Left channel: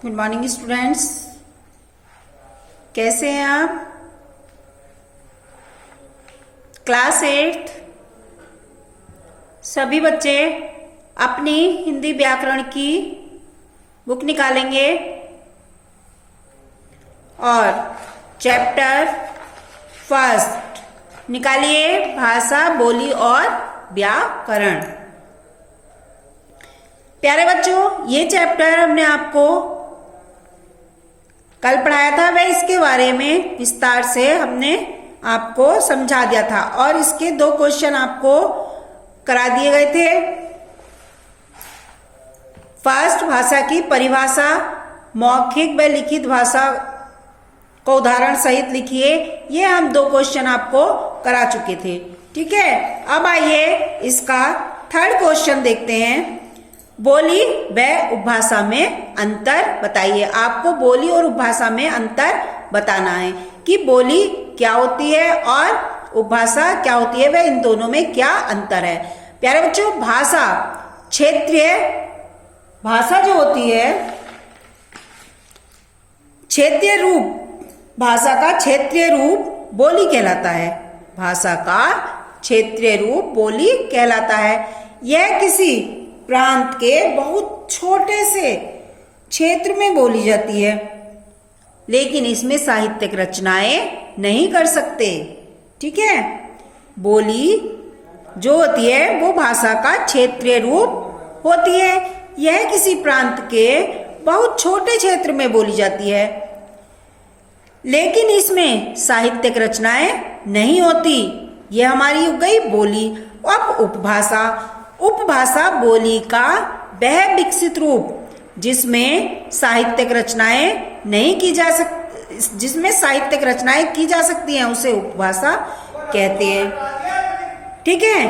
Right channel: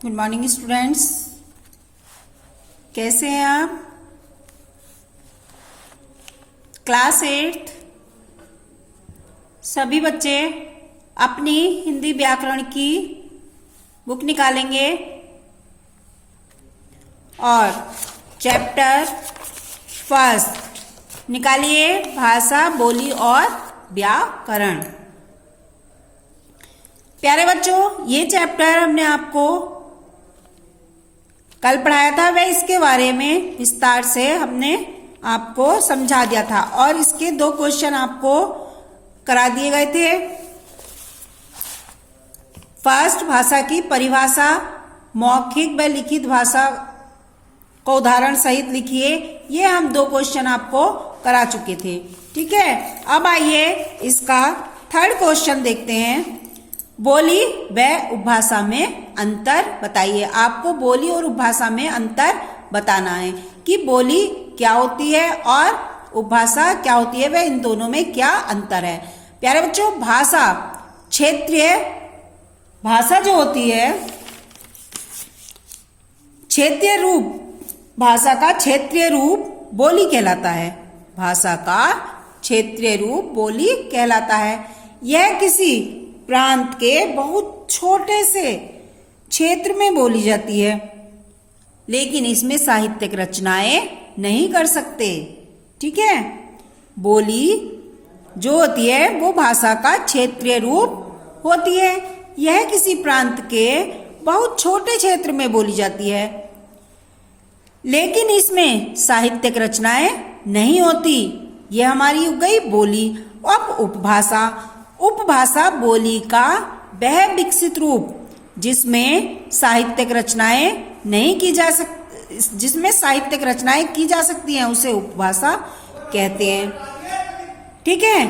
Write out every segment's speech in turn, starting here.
Good morning students, कैसे हैं आप? क्लास 8 सभी बच्चे अपनी हिंदी व्याकरण की बुक निकालेंगे और चैप्टर फर्स्ट निकालिए, भाषा, बोली और व्याकरण। प्यारे बच्चों, ये चैप्टर हमने आपको कल पढ़ाया था, वह इसके बारे में विस्तार से हमने आपको समझा दिया था और इसके 2 क्वेश्चन आपको करा दिए गए थे। फर्स्ट, भाषा की परिभाषा, मौखिक व लिखित भाषा को उदाहरण सहित लिखिए। ये हम 2 क्वेश्चन आपको करा चुके थे। ठीक है, अब आइए इसका थर्ड क्वेश्चन देखते हैं। बोली व उपभाषा में अंतर बताइए। आपको बोली और उपभाषा में अंतर बताना है कि बोली क्या होती है और उपभाषा क्या होती है, वह इन दोनों में क्या अंतर है। प्यारे बच्चों, भाषा क्षेत्रीय भाषा जो होती है, क्षेत्रीय रूप, भाषा का क्षेत्रीय रूप बोली कहलाता है। भाषा का क्षेत्रीय रूप बोली कहलाता है। यह किसी प्रांत के बहुत छोटे से क्षेत्र में बोली जाती है, लेकिन इसमें साहित्यिक रचनाएं नहीं कर सकते। ठीक है, बोली जो होती है वो भाषा का क्षेत्रीय रूप होती है। यह किसी प्रांत के बहुत छोटे क्षेत्र में बोली जाती है, लेकिन इसमें साहित्यिक रचनाएं नहीं होती। यह हमारी हो गई बोली। अब उपभाषा, उपभाषा बोली का वह विकसित रूप जिसमें साहित्यिक रचनाएं नहीं की जा सकती, जिसमें साहित्यिक रचनाएं की जा सकती हैं, उसे उपभाषा कहते हैं। ठीक है,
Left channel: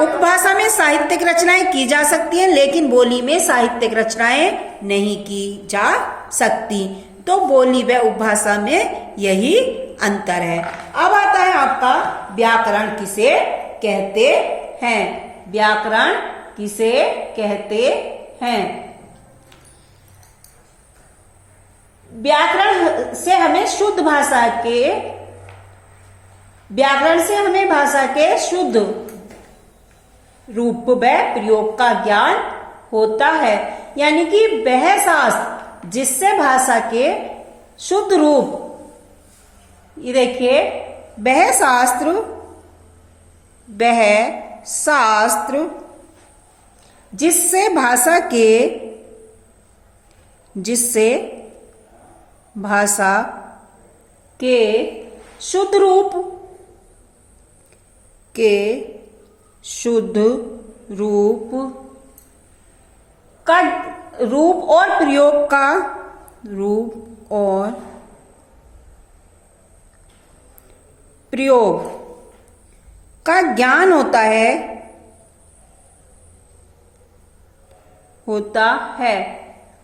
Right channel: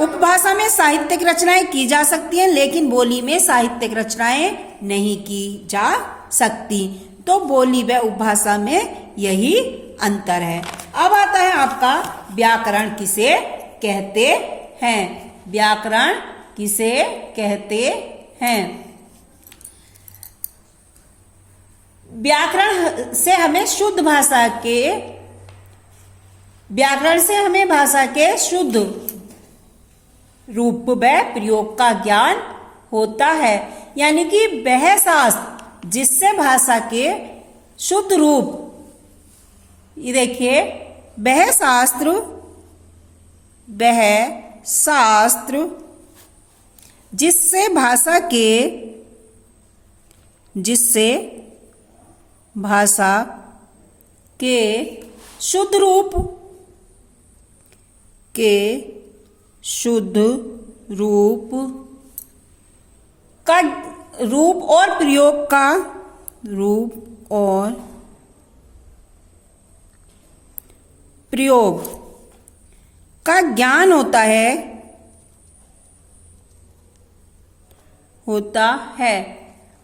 उपभाषा में साहित्यिक रचनाएं की जा सकती हैं, लेकिन बोली में साहित्यिक रचनाएं नहीं की जा सकती। तो बोली व उपभाषा में यही अंतर है। अब आता है आपका व्याकरण किसे कहते हैं। व्याकरण किसे कहते हैं? व्याकरण से हमें शुद्ध भाषा के, व्याकरण से हमें भाषा के शुद्ध रूप व प्रयोग का ज्ञान होता है, यानी कि वह शास्त्र जिससे भाषा के शुद्ध रूप, ये देखिए, वह शास्त्र जिससे भाषा के शुद्ध रूप का रूप और प्रयोग का ज्ञान होता है,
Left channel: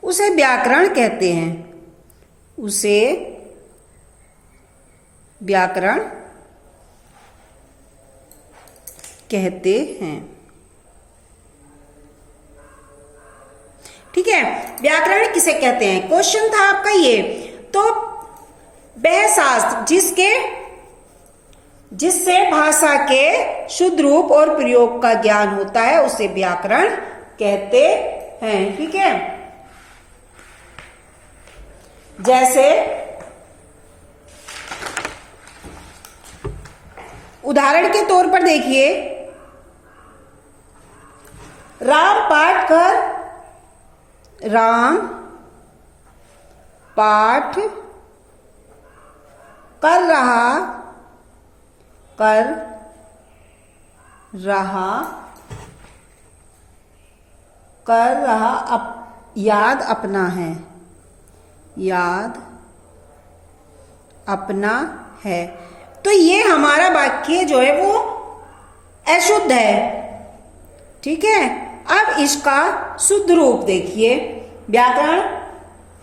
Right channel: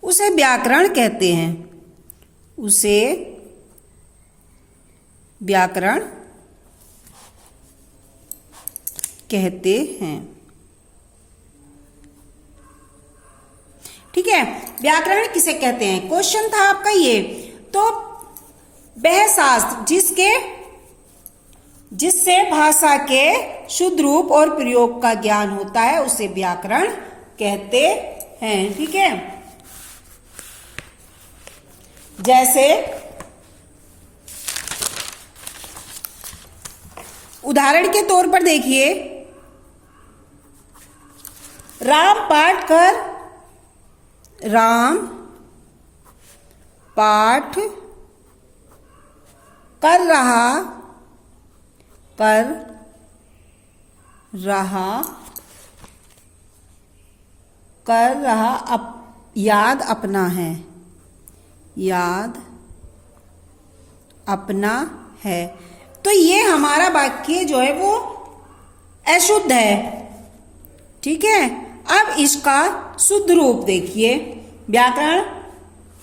उसे व्याकरण कहते हैं। उसे व्याकरण कहते हैं। ठीक है, व्याकरण किसे कहते हैं, क्वेश्चन था आपका ये। तो वह शास्त्र जिससे भाषा के शुद्ध रूप और प्रयोग का ज्ञान होता है, उसे व्याकरण कहते हैं। ठीक है, जैसे उदाहरण के तौर पर देखिए, राम पाठ कर रहा याद अपना है। तो ये हमारा वाक्य जो है वो अशुद्ध है। ठीक है, अब इसका शुद्ध रूप देखिए। व्याकरण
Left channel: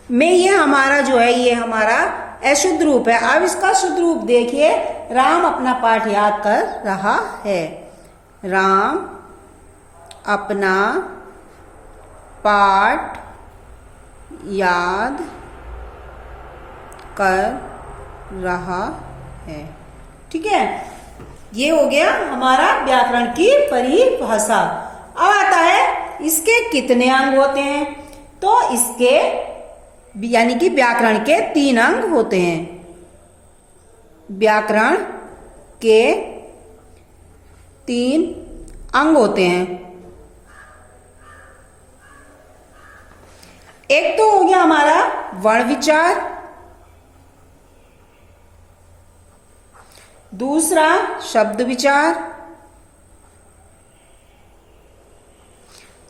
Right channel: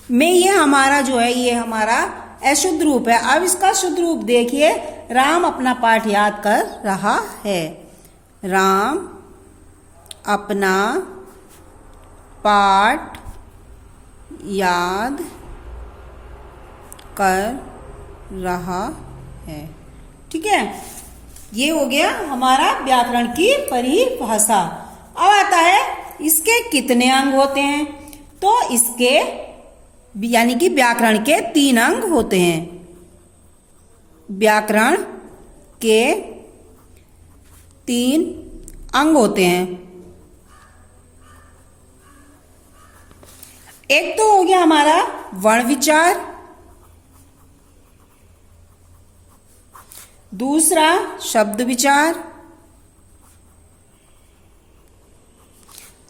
में ये हमारा जो है, ये हमारा अशुद्ध रूप है। अब इसका शुद्ध रूप देखिए, राम अपना पाठ याद कर रहा है। राम अपना पाठ याद कर रहा है। ठीक है, ये हो गया हमारा व्याकरण की परिभाषा। अब आता है इसके कितने अंग होते हैं। तो इसके यानी कि व्याकरण के 3 अंग होते हैं। व्याकरण के 3 अंग होते हैं। एक तो हो गया हमारा वर्ण विचार, दूसरा शब्द विचार,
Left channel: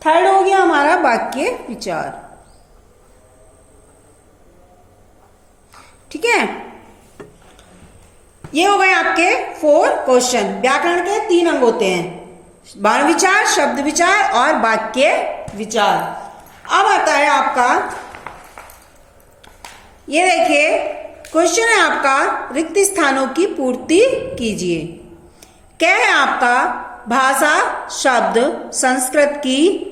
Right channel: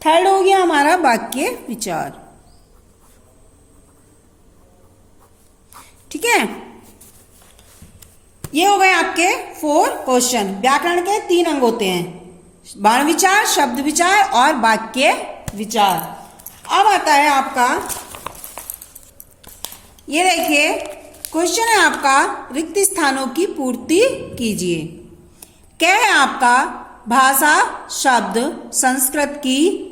थर्ड हो गया हमारा वाक्य विचार। ठीक है, ये हो गए आपके 4 क्वेश्चन। व्याकरण के 3 अंग होते हैं, वर्ण विचार, शब्द विचार और वाक्य विचार। अब आता है आपका, ये देखिए क्वेश्चन है आपका, रिक्त स्थानों की पूर्ति कीजिए। क्या है आपका, भाषा शब्द संस्कृत की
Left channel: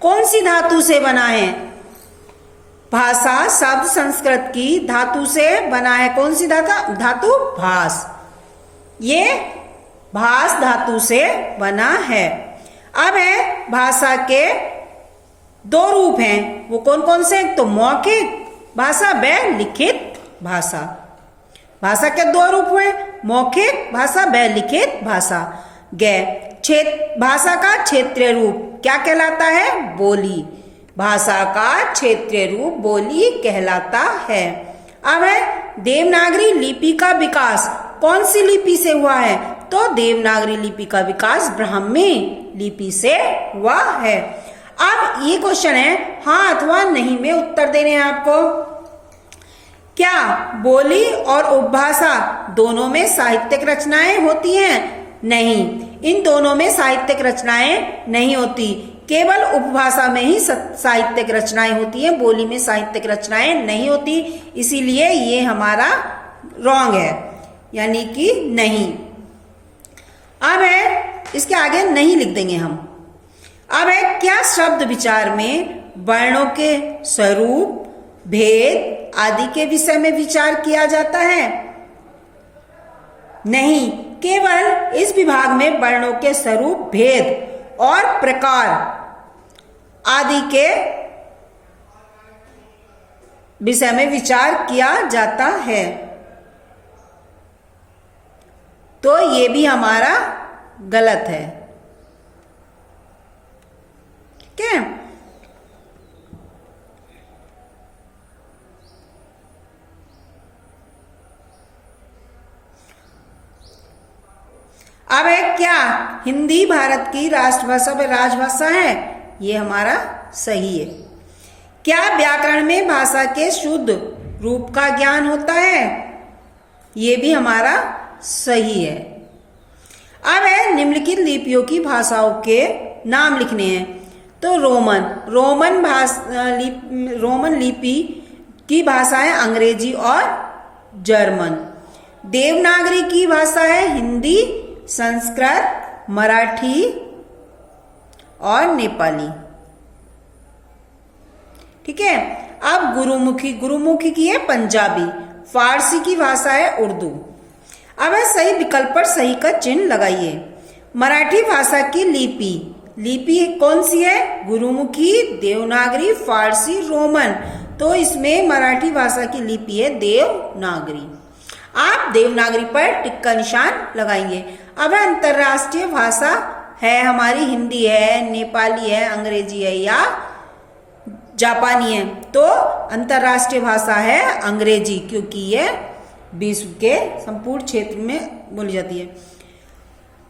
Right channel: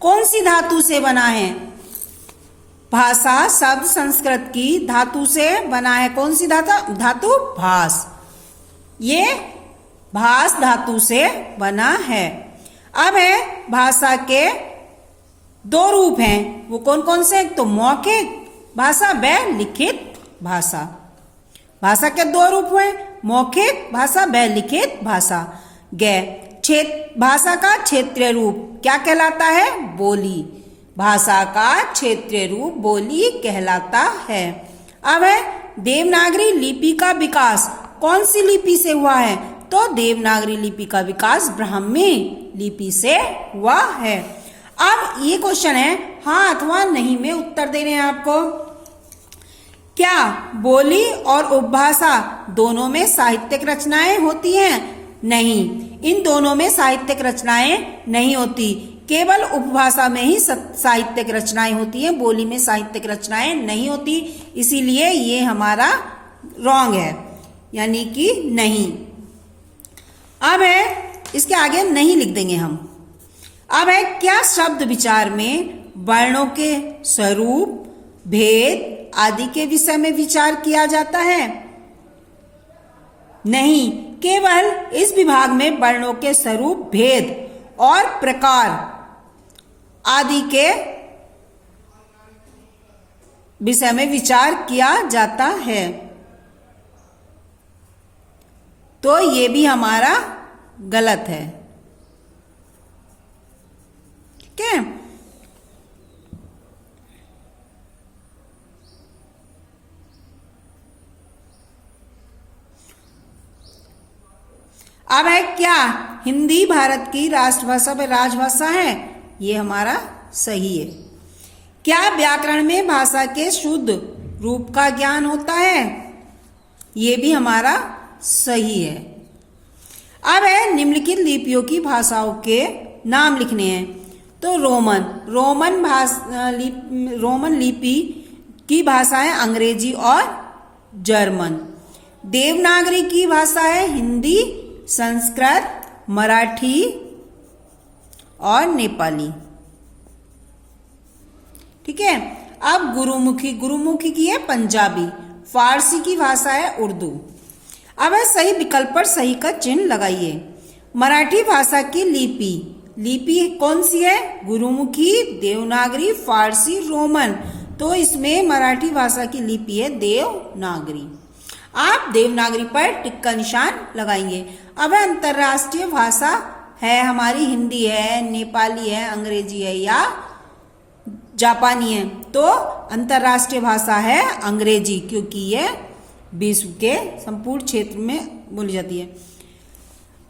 कौन सी धातु से बना है। भाषा शब्द संस्कृत की धातु से बना है। कौन सी धातु? भास। ये भास धातु से बना है। अब है भाषा के 2 रूप हैं, वो कौन कौन से? तो मौखिक भाषा व लिखित भाषा। भाषा के 2 रूप हैं, मौखिक भाषा व लिखित भाषा। भाषा का क्षेत्रीय रूप क्या कहलाता है? बोली। भाषा का क्षेत्रीय रूप बोली कहलाता है। अब है देवनागरी लिपि का विकास कौन सी लिपि से हुआ है? तो देवनागरी लिपि का विकास ब्राह्मी लिपि से हुआ है। अब ये क्वेश्चन है हाँ अथवा नहीं में उत्तर देने हैं आपको। क्या बोली और उपभाषा दोनों में साहित्यिक रचनाएं होती हैं? नहीं, इन दोनों में साहित्यिक रचनाएं नहीं होती, केवल उपभाषा में ही साहित्यिक रचनाएं होती हैं, बोली में साहित्यिक रचनाएं नहीं होती। इसीलिए ये हमारा रॉन्ग है, यानी कि नहीं। अब है इसके आगे नहीं लिख देंगे हम। अब है क्या शब्द विचार में वर्णों के स्वरूप, भेद आदि के विषय में विचार किया जाता है? नहीं, केवल इस विभाग में वर्णों के स्वरूप, भेद और प्रकार आदि के विषय में विचार किया जाता है। तो ये भी हमारा गलत है। ठीक है, अब है क्या हिंदी भारत की राष्ट्रभाषा व राजभाषा है? ये हमारा सही है। क्या व्याकरण में भाषा के शुद्ध रूप का ज्ञान होता है? ये भी हमारा सही है। अब है निम्नलिखित लिपियों की भाषाओं के नाम लिखने हैं। तो रोमन लिपि की भाषा है अंग्रेजी और जर्मन। देवनागरी की भाषा है हिंदी, संस्कृत, मराठी और नेपाली। ठीक है, अब गुरुमुखी की है पंजाबी। फारसी की भाषा है उर्दू। अब है सही विकल्प पर सही का चिन्ह लगाइए। मराठी भाषा की लिपि कौन सी है? गुरुमुखी, देवनागरी, फारसी, रोमन। तो इसमें मराठी भाषा की लिपि है देवनागरी। आप देवनागरी पर टिक का निशान लगाएंगे। अब अंतरराष्ट्रीय भाषा है हमारी हिंदी है, नेपाली है, अंग्रेजी है या जापानी है। तो अंतरराष्ट्रीय भाषा है अंग्रेजी, क्योंकि ये विश्व के संपूर्ण क्षेत्र में बोली जाती है।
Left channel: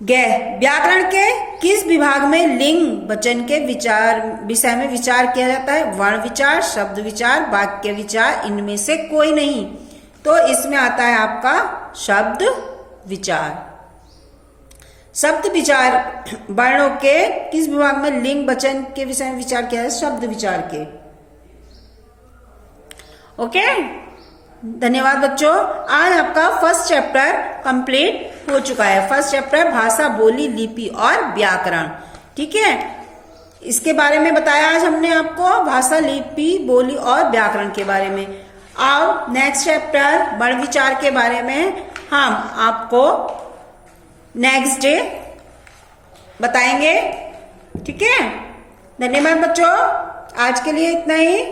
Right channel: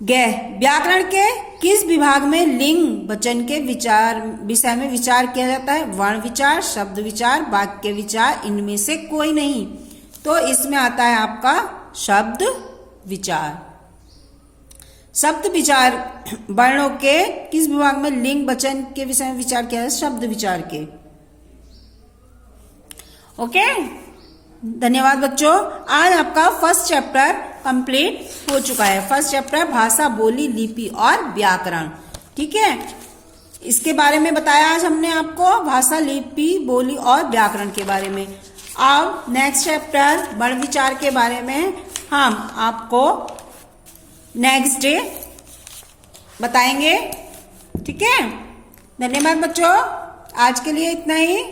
व्याकरण के किस विभाग में लिंग वचन के विषय में विचार किया जाता है? वर्ण विचार, शब्द विचार, वाक्य विचार, इनमें से कोई नहीं। तो इसमें आता है आपका शब्द विचार। शब्द विचार वर्णों के किस विभाग में लिंग वचन के विषय में विचार किया जाता है? शब्द विचार के। ओके, धन्यवाद बच्चों। आज आपका फर्स्ट चैप्टर कंप्लीट हो चुका है। फर्स्ट चैप्टर भाषा, बोली, लिपि और व्याकरण। ठीक है, इसके बारे में बताया आज हमने आपको, भाषा, लिपि, बोली और व्याकरण के बारे में। अब नेक्स्ट चैप्टर वर्ण विचार के बारे में हम आपको नेक्स्ट डे बताएंगे। ठीक है, धन्यवाद बच्चों, आज के लिए इतना ही।